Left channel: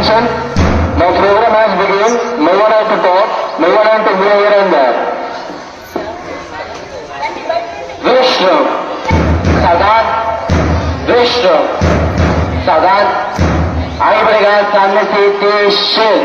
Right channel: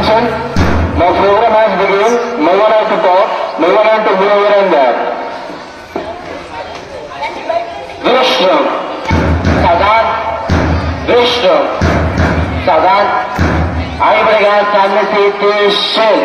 Attention, my program has begun. No one has to talk, no one has to move here and there. Vishnu, Sadan, Vishnu, Sadan, Aibriga Sanitation.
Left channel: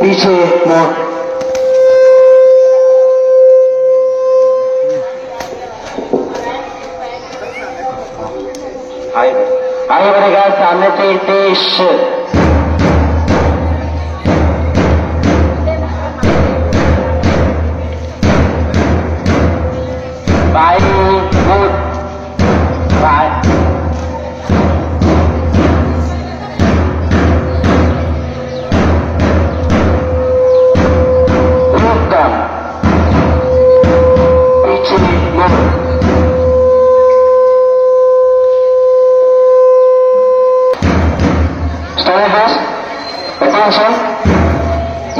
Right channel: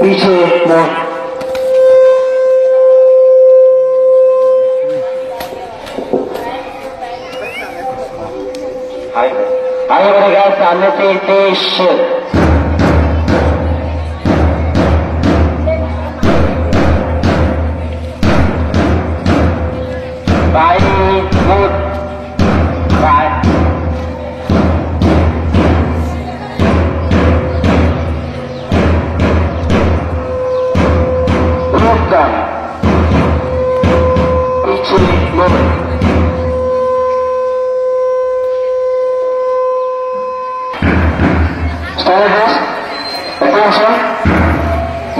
पीछे आएगा सामने से देश bye good bye Attention.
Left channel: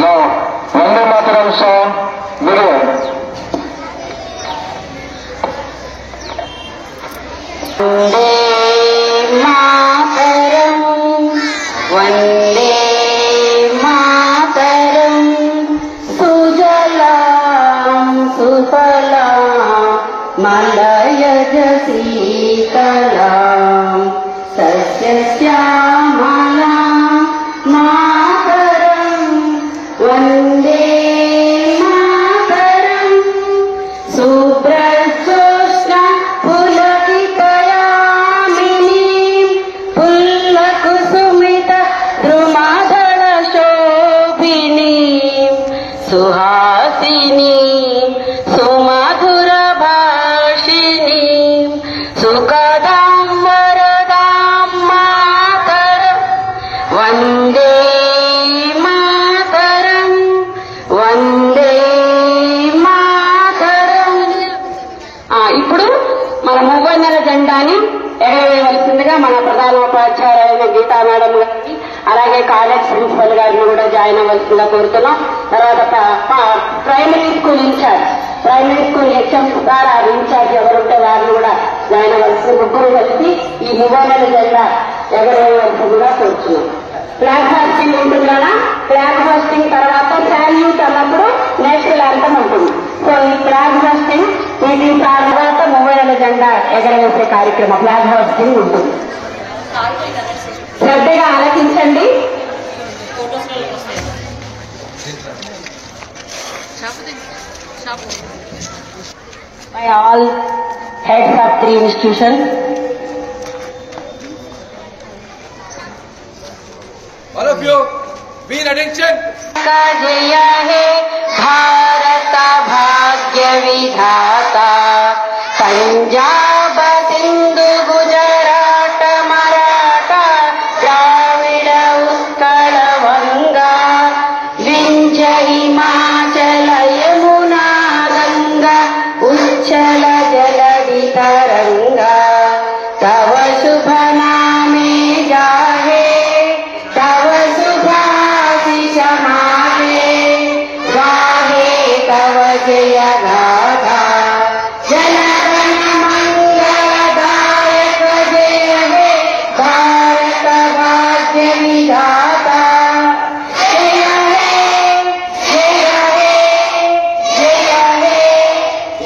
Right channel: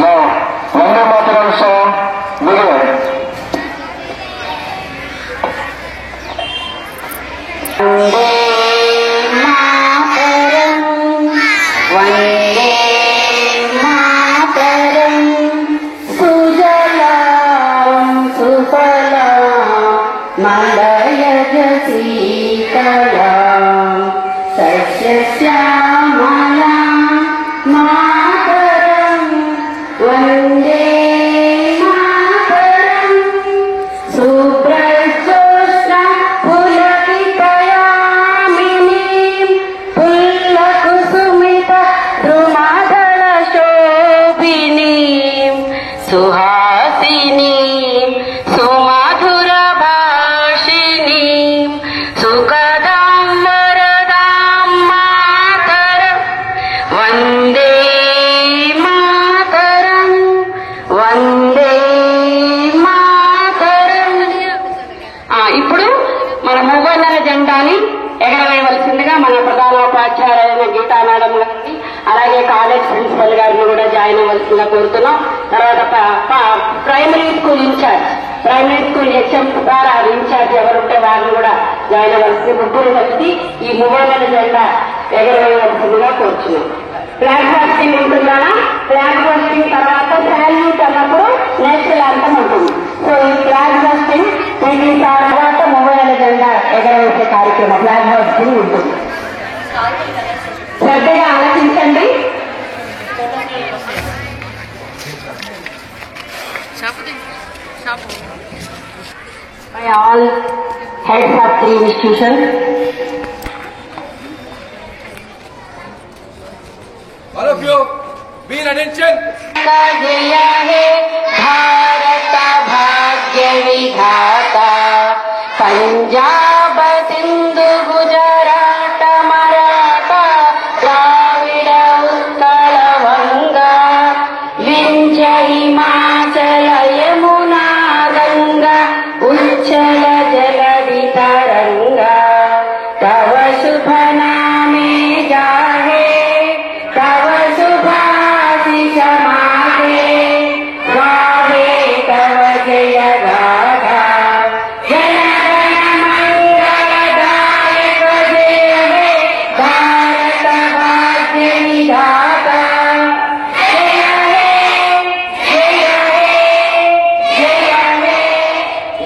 Now, Vande Mataram song begin. Vande Mataram, Vande Mataram, Sujalam Sufalam, Malayaj Sitalam, Satyashyamalam. Mataram, Vande Mataram, Subrajyotsna Pulakitayaminim, Pullakusumita Drumadala Shobhinim, Suhasinim, Sumadhura Bhashinim, Sukadam Varadam Mataram, Vande Mataram, Vande Mataram. ఇప్పుడు మన మూవన్నెల జెండాని ఎగరవేయవలసిందిగా మన ప్రధానోపాధ్యాయులైన Gita madam గారిని అలాగే college principal గారిని కూడా join అవ్వాల్సిందిగా కోరుతున్నాం. తర్వాత ప్రైమరీ స్కూల్ హెచ్ఎం ద్వారా ఇన్ఛార్జ్ ఎవరుంటే వారిని కూడా జాయిన్ అవ్వాల్సింది. ముగ్గురు కలిసి ఈ మూవన్నెల జెండా ఎగరవేయవలసిందిగా కోరుతున్నాం. ఫ్లాగ్ హాస్టింగ్ ఉంటుందా? ఫ్లాగ్ హాస్టింగ్ తర్వాత శాల్యూట్ అన్నప్పుడు నేషనల్ యాంథమ్ ఉంటుంది. సో ఈ ఫ్లాగ్ హాస్టింగ్ వీటి తర్వాత మూవన్నెల జెండా ఎగరవేసే కార్యక్రమం ఫ్లాగ్ హాస్టింగ్ ఉంటుంది. శ్రద్ధగా ఆలోచించండి. By all heads of 3 institutions. All of you, be in attention. जय हे भारत भाग्य विधाता, पंजाब सिंधु गुजरात मराठा द्राविड़ उत्कल वंगा विंध्य हिमाचल यमुना गंगा उच्चल जलधि तरंगा तव शुभ नामे जाहे तव शुभाशिष मागे गावे तव जय गाथा जन गण मंगलदायक जय हे भारत भाग्य विधाता जय हे जय हे जय हे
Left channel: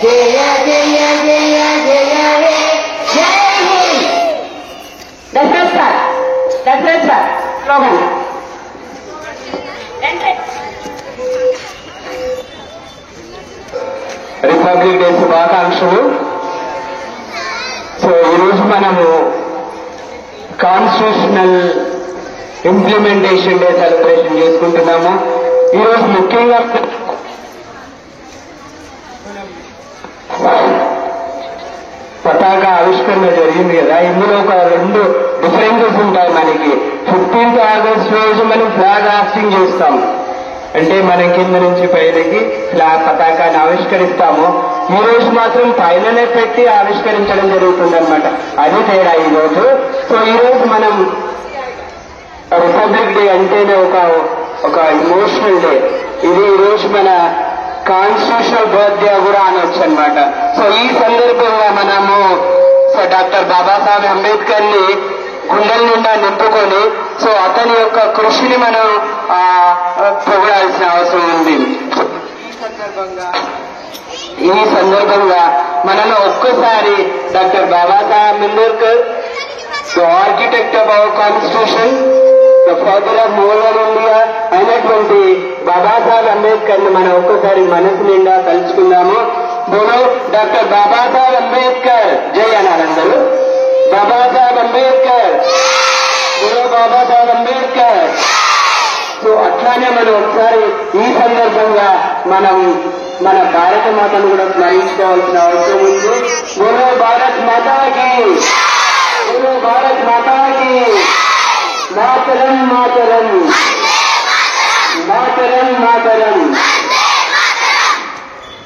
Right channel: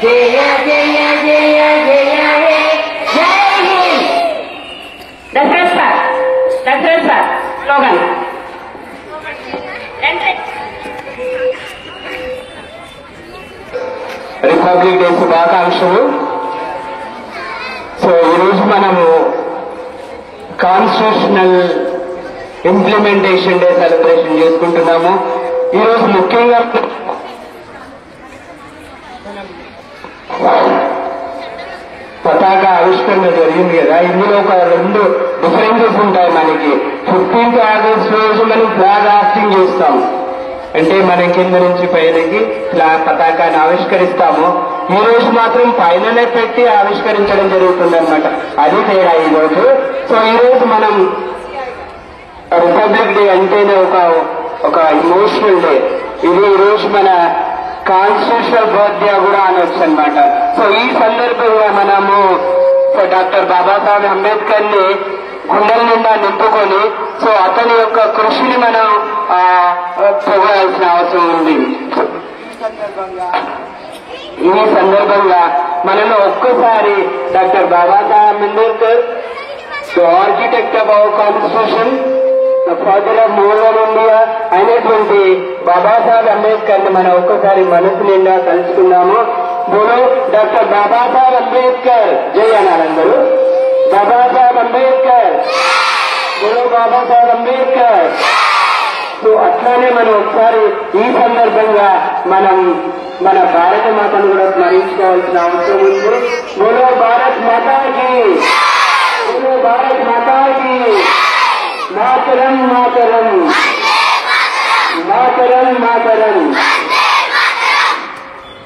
जय जय जय जय हे जय Hind. That's it, sir. Slogan. Republic day శుభాకాంక్షలు. సో ఈరోజు మనము కాన్స్టిట్యూషనల్ ఇంప్లిమెంటేషన్ డే సెలబ్రేషన్ చేసుకుంటున్నాము. ఈరోజు ముఖ్యంగా పతాక ఆవిష్కరణ జరిగింది కదా. ఇందులో ఒక 2 డిఫరెన్సెస్ ఉంటాయి మనకి. 15th ఆగస్ట్ రోజు మనం ఫ్లాగ్ హాస్టింగ్ చేస్తాం. అంటే మన కింద నుంచి పైనకి ఫ్లాగ్ పతాకాన్ని ఆవిష్కరిస్తాము. ఈ రోజు మాత్రం పైననే పెట్టి ఆవిష్కరించడం జరుగుతుంది అనమాట. అది తేడా ఈ రోజు. సో ఈ రోజు మనం రిపబ్లిక్ డే అంటేనే ఒక ఇమోషనల్ డే. ఇది ఈ రోజు మన కాన్స్టిట్యూషనల్ బర్త్డే కూడా అనొచ్చు అనమాట. సో ఈ సందర్భంగా మనము డాక్టర్ బాబాసాహెబ్ అంబేద్కర్ ని గుండెల నిండా నింపుకొని సో అతని యొక్క కృషిని మనం పొగడాల్సిన అవసరం ఉంది. ఈ సందర్భంగా మనము ఒక్కసారి doctor Babasaheb Ambedkar architect of our constitution, father of modern India అయినటువంటి బాబాసాహెబ్ అంబేద్కర్ ని మనం ఒక్కసారి మనసు నిండా తలుచుకున్నాము. బోలో డాక్టర్ బాబాసాహెబ్ అంబేద్కర్ జై అనాలందరూ. బాబాసాహెబ్ అంబేద్కర్, బోలో బాబాసాహెబ్ అంబేద్కర్. సో అట్లానే మనం ఒకసారి ఈ సందర్భంగా మనం మన భారత మాతను కూడా స్మరించుకోవాల్సిన అవసరం ఉంది. బోలో భారత్ మాతాకి, బోలో భారత్ మాతాకి, మాతరం మాతరం మాతరం మాతరం.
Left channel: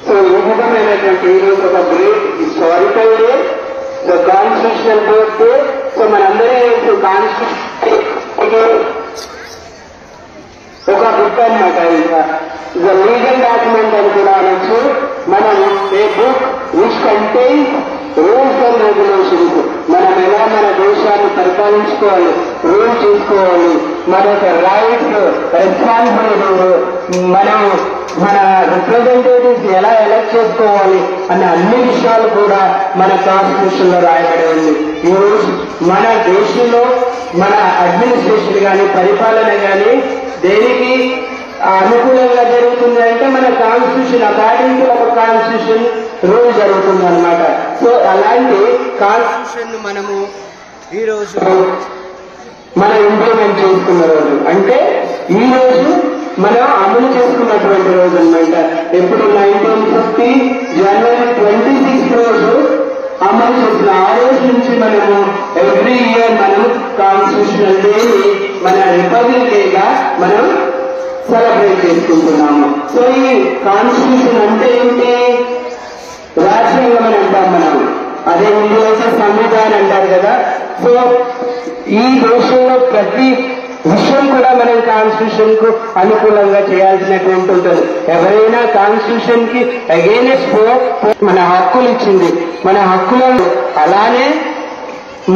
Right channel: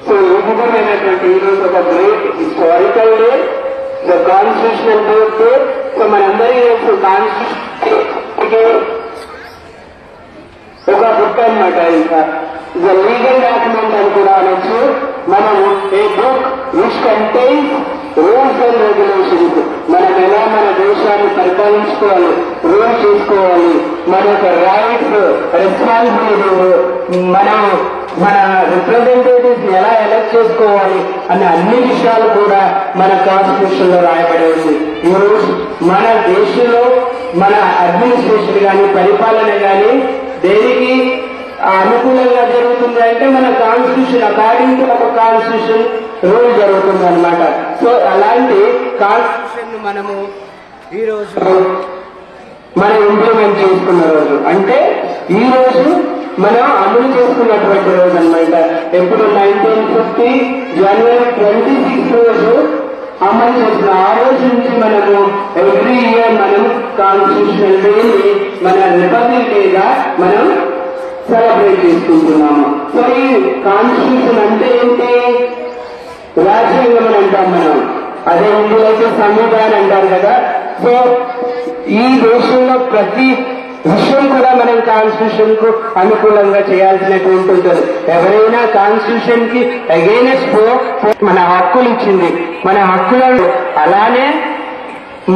సో ఈ విధమైనటువంటి ఈరోజు ఒక great historical day, the constitutional day. So మనందరూ కాన్స్టిట్యూషన్ ఒక బుక్ అనమాట. ఇంకా ద లీగల్ డాక్యుమెంట్ అని కూడా అనొచ్చు. మనం a book which contains rules and regulations, మనం ఎలా మన దేశాన్ని పరిపాలించుకోవాలి, రూల్ చేసుకోవాలి, మన యొక్క రైట్స్, రెస్పాన్సిబిలిటీస్, మనం మన రిప్రజెంటేటివ్స్ ఎలా ఎలక్ట్ చేసుకోవాలి అనే అన్ని విషయాలు కూడా మన కాన్స్టిట్యూషన్ లో రాయబడి ఉంది. ఈరోజు మన దేశంలో మన అడ్మినిస్ట్రేషన్ కానీ పరిపాలన కానీ దేనికి అనుకూలంగా జరుగుతుంది అంటే మన కాన్స్టిట్యూషన్ అకార్డింగ్ టు ఒక కాన్స్టిట్యూషన్ రూల్ జరుగుతుంది అనమాట. సో అలాంటి కాన్స్టిట్యూషన్ మనము ఈ రోజు మనం ఇంప్లిమెంట్ చేసుకున్న రోజు, అంటే ఈ రోజు మనం అమలు చేసుకున్నటువంటి రోజు అనమాట. ఎప్పుడు 1950 జనవరి 26 రోజు అమలు చేసిన ఆ రోజు నుంచి మనము ఎవ్రీ ఇయర్ మనం కాన్స్టిట్యూషనల్ డేని మన రిపబ్లిక్ డేగా మనం సెలబ్రేట్ చేసుకుంటున్నాము. సో ఈ కాన్స్టిట్యూషన్ అంటే ఏంటి? రాజ్యాంగం అని అంటాం మనం. అదే ఇందులో సంవిధానం అంటారు కదా. సో ఈ దేశంలో ప్రతి విషయం కూడా మనం కాన్స్టిట్యూషన్ కు అనుకూలంగా చేయాల్సినటువంటి ఉంటుంది. ఎవరైనా కాన్స్టిట్యూషన్ కి అగైనెస్ట్ మన హక్కులు ఇచ్చింది, మన హక్కులను అలానే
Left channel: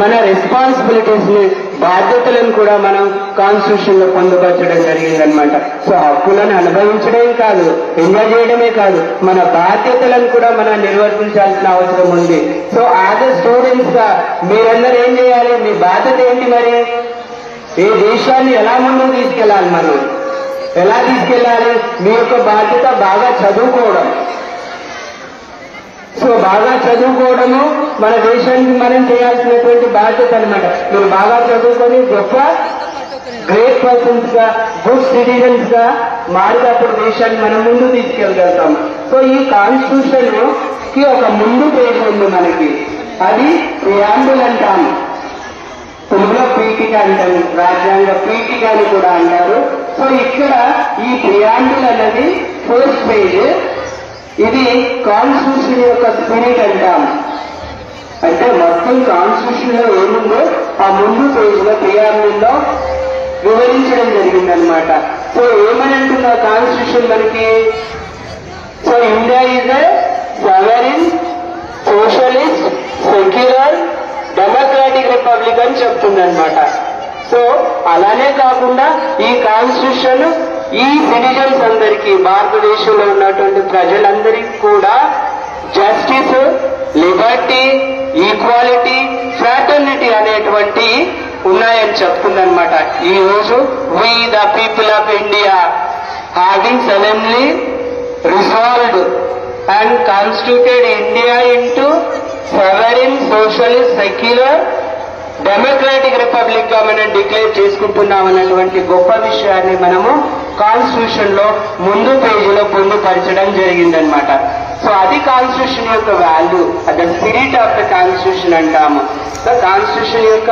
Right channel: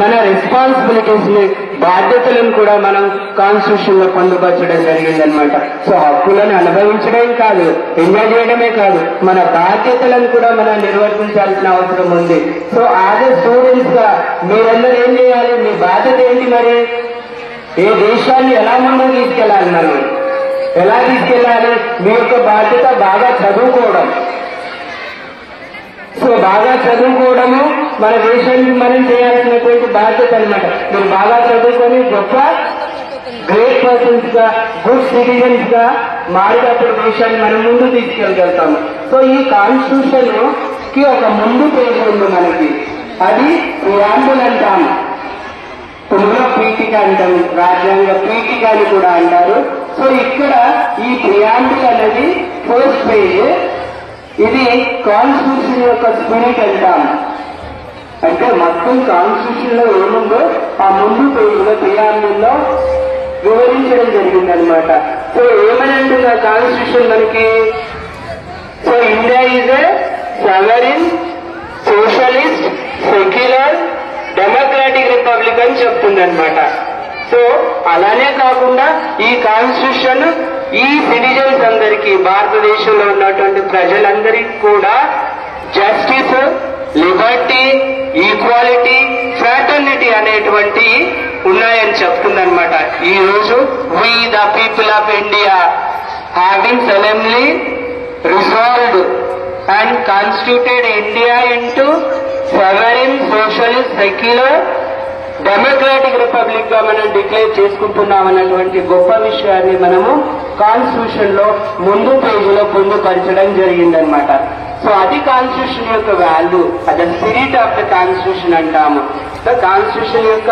మన రెస్పాన్సిబిలిటీస్ ని, బాధ్యతలను కూడా మనం కాన్స్టిట్యూషన్ లో పొందుపరచడం జరిగిందనమాట. సో హక్కులను అనుభవించడం కాదు, ఎంజాయ్ చేయడమే కాదు, మన బాధ్యతలను కూడా మనం నిర్వర్తించాల్సిన అవసరం ఉంది. సో యాజ్ ఎ స్టూడెంట్స్ గా మీరందరూ ఏం చేయాలి? మీ బాధ్యత ఏంటి? మరి ఏ దేశాన్ని ఎలా ముందుకు తీసుకెళ్లాలి, మనం ఎలా తీసుకెళ్లాలి? మీ యొక్క బాధ్యత బాగా చదువుకోవడం. సో బాగా చదువుకోవడము మన దేశానికి మనం చేయాల్సినటువంటి బాధ్యత అనమాట. మీరు బాగా చదువుకొని గొప్ప గ్రేట్ పర్సన్స్ గా, గుడ్ సిటిజన్స్ గా మారినప్పుడు దేశాన్ని మనం ముందు తీసుకెళ్ళగలుగుతాం. సో ఈ కాన్స్టిట్యూషన్ కి ఒక ముందు పేరు ఉంది మనకి, అది ప్రియాంబుల్ అంటాము. తెలుగులో పీఠిక అంటారు, రాజ్యాంగ పీఠిక అని కూడా అంటారు. సో ఇక్కడ ఈ ప్రియాంబుల్ అనేది ఫస్ట్ పేజ్. ఇది కాన్స్టిట్యూషన్ యొక్క స్పిరిట్ అంటాం. అంటే మొత్తం కాన్స్టిట్యూషన్ లో ఏముందో ఆ ముందు పేజీలో ప్రియాంబుల్లో వివరించడం జరిగిందనమాట. సో ఏమని అంటుంది ఆ కాన్స్టిట్యూషన్ మనకి? So India is a సవరిన్, socialist, secular, democratic republic అని చెప్తుందనమాట. సో అలానే కాకుండా ఈ కాన్స్టిట్యూషన్ ఈ సిటిజన్స్ అందరికీ, భారతదేశంలో ఉన్నటువంటి ప్రజలందరికీ కూడా జస్టిస్, లిబర్టీ, ఈక్వాలిటీ, ఫ్రాటర్నిటీ అనేటువంటి ఉన్నాయని చెప్తుందనమాట. ఈ రోజు we the people of India having solemnly resolved and constituted India into sovereign, socialist, secular, democratic republic గా మనం డిక్లేర్ చేసుకుంటున్నాం అన్నటువంటి గొప్ప విషయాన్ని మనము కాన్స్టిట్యూషన్ లో ముందు పేజీలో పొందుపరచడం జరిగిందనమాట. సో అది కాన్స్టిట్యూషన్ యొక్క వాల్యూ, అదే స్పిరిట్ ఆఫ్ ద కాన్స్టిట్యూషన్ అంటాము. సో కాన్స్టిట్యూషన్ యొక్క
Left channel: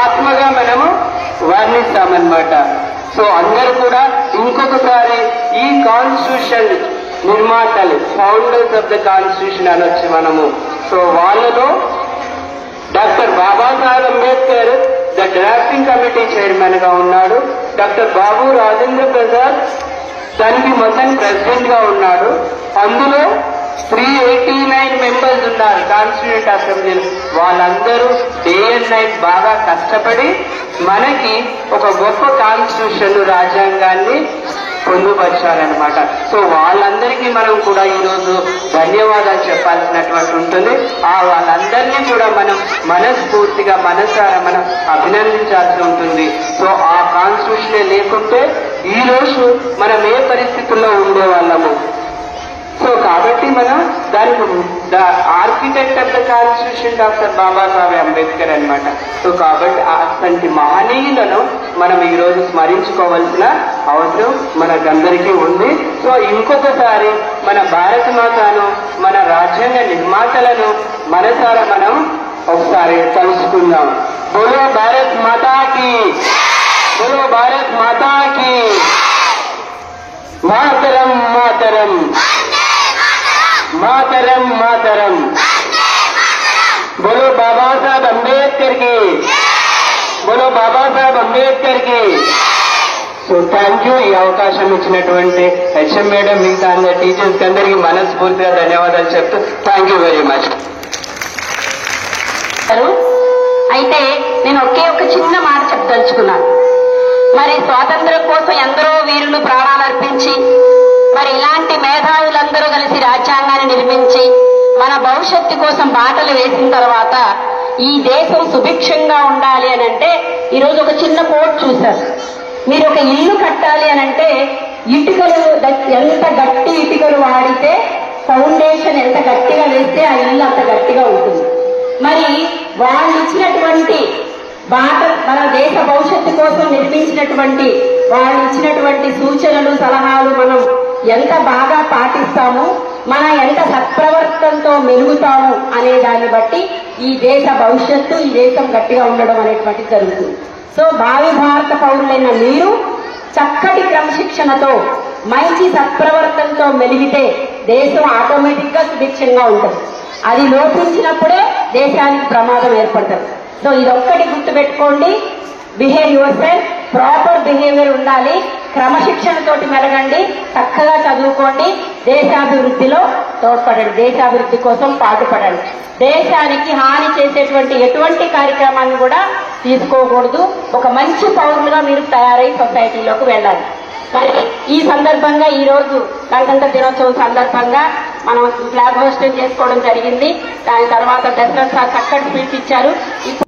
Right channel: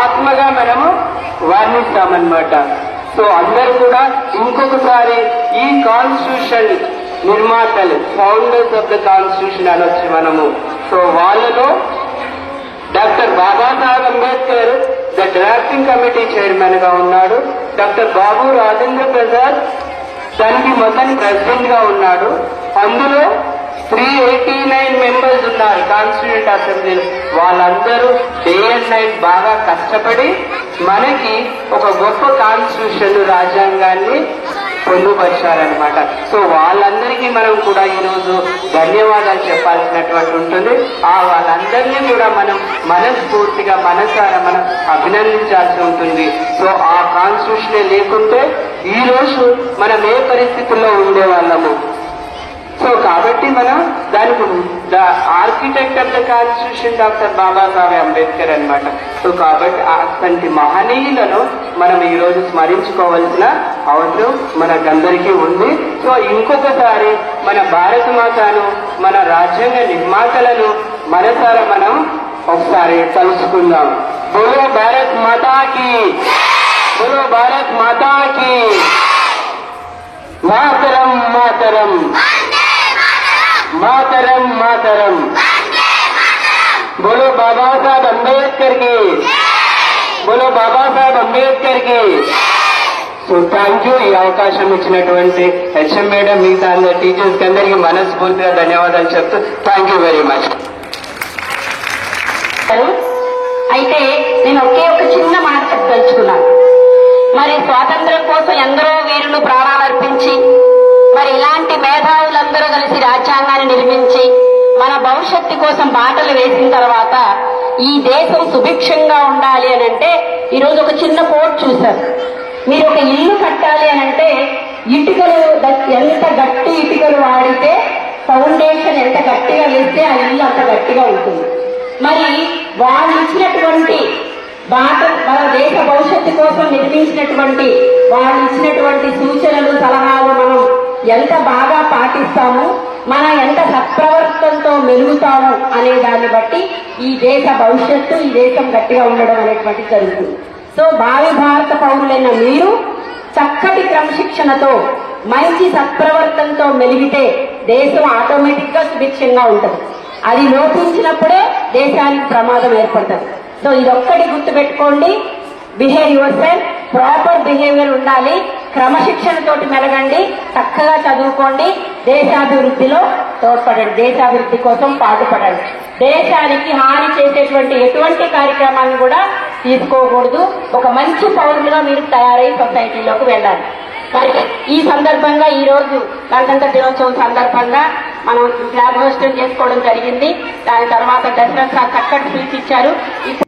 ఆత్మగా మనము వర్ణిస్తామన్నమాట. సో అందరూ కూడా ఇంకొకసారి ఈ కాన్స్టిట్యూషన్ నిర్మాతలు, ఫౌండర్స్ ఆఫ్ ద కాన్స్టిట్యూషన్ అనొచ్చు మనము. సో వాళ్ళలో doctor Babasaheb Ambedkar the drafting committee chairman గా ఉన్నాడు. డాక్టర్ బాబు రాజేంద్ర ప్రసాద్ దానికి మొత్తం ప్రెసిడెంట్ గా ఉన్నాడు. అందులో 389 మెంబర్స్ ఉన్నారు కాన్స్టిట్యూంట్ అసెంబ్లీలో. వాళ్ళందరూ డే అండ్ నైట్ బాగా కష్టపడి మనకి ఒక గొప్ప కాన్స్టిట్యూషన్ రాజ్యాంగాన్ని పొందుపరిచారనమాట. సో వాళ్ళందరికీ మనం కూడా ఈరోజు ధన్యవాదాలు చెప్పాల్సినటువంటి ఉంటుంది. వాళ్ళందరినీ కూడా మనం మనస్ఫూర్తిగా మనసారా మనం అభినందించాల్సి ఉంటుంది. సో ఆ కాన్స్టిట్యూషన్ లేకుంటే ఈ రోజు మనం ఏ పరిస్థితుల్లో ఉండేవాళ్ళము. సో కాబట్టి మనం దానికి the architect of the constitution doctor Babasaheb Ambedkar అనమాట. సో కాబట్టి అటువంటి మహనీయులను మనం ఈ రోజు స్మరించుకోవాల్సిన అవసరం మనకందరికీ ఉంది. సో ఇంకొకసారి మన భారత మాతను, మన రాజ్యాంగ నిర్మాతలను మనసారా మనం ఒకసారి తలుచుకుందాం. బోలో భారత్ మాతాకి, బోలో భారత్ మాతాకి, మాతరం మాతరం, మాతరం మాతరం, बोलो बाबा साहब अंबेडकर की, बोलो बाबा साहब अंबेडकर की. So thank you. ఈ అవకాశం ఇచ్చినటువంటి హెచ్ఎం మేడం ఇంకా అందరి టీచర్స్ అందరికీ మనస్ఫూర్తిగా ధన్యవాదాలు చెప్తూ థ్యాంక్ యూ వెరీ మచ్. అయితే నేను ఒక చిన్న మాట చెప్పదలుచుకున్నాను. మరి స్వాతంత్ర్యం కోసం ఎందరో వీరులు ప్రాణాలర్పించి, మరి ఇలాంటి మేధావులందరూ కలిసి రాజ్యాంగాన్ని నిర్మించి మన భవిష్యత్తు కోసం బాటలు వేసిన తర్వాత ఈ దేశం సుభిక్షంగా ఉండాలి అని అంటే ఈరోజు ఒక చిన్న కోట్ చూశారు. మీరు ఒక ఇల్లు కట్టాలి అని అంటే ఇటుకలు ఎంత గట్టి ఇటుకలు వాడితే, ఫౌండేషన్ ఎంత గట్టిగా వేస్తే ఆ ఇల్లు అంత గట్టిగా ఉంటుంది. మరి వాళ్ళు ఇచ్చినటువంటి మన దేశ భవిష్యత్తు కోసం నిర్మించినటువంటి వాళ్ళు ఇచ్చినటువంటి సూచనలు, సలహాలు మనం ఎంత బాగా పాటిస్తాము, మనం ఎంత సత్ప్రవర్తనతో మెలుగుతాము అనే దాన్ని బట్టి ఈ దేశ భవిష్యత్తు, ఈ దేశం గట్టిగా ఉండడం అనేటువంటి జరుగుతుంది. సో భావి భారత పౌరులైన మీరు చక్కటి క్రమశిక్షణతో మంచి సత్ప్రవర్తనతో మెలిగితే దేశం ఆటోమేటిక్ గా సుభిక్షంగా ఉంటుంది. అది లోపించినప్పుడే దేశానికి ప్రమాదం ఏర్పడుతుంది. సో ఇదొక్కటి గుర్తుపెట్టుకోండి. Behave your self, proper behaviour ఉండాలి, క్రమశిక్షణతోటి మెలగండి, చక్కగా చదువుకోండి, దేశాభివృద్ధిలో తోడ్పడండి, దేశాభివృద్ధి కోసం పాటుపడండి. దేశానికి హాని చేసేటువంటి ఎటువంటి కార్యక్రమాలను కూడా తీసుకోకూడదు. ఒక మంచి పౌరులుగా మీరు తయారై సొసైటీలోకి వెళ్ళాలి. మరి ఈ సందర్భంగా ఈ రోజు గణతంత్ర దినోత్సవం సందర్భంగా మనం ఫ్లాగ్ హోస్టింగ్ చేసుకోవడం జరిగింది. దాని తర్వాత దశరథ్ సార్ చక్కటి స్పీచ్ ఇచ్చారు.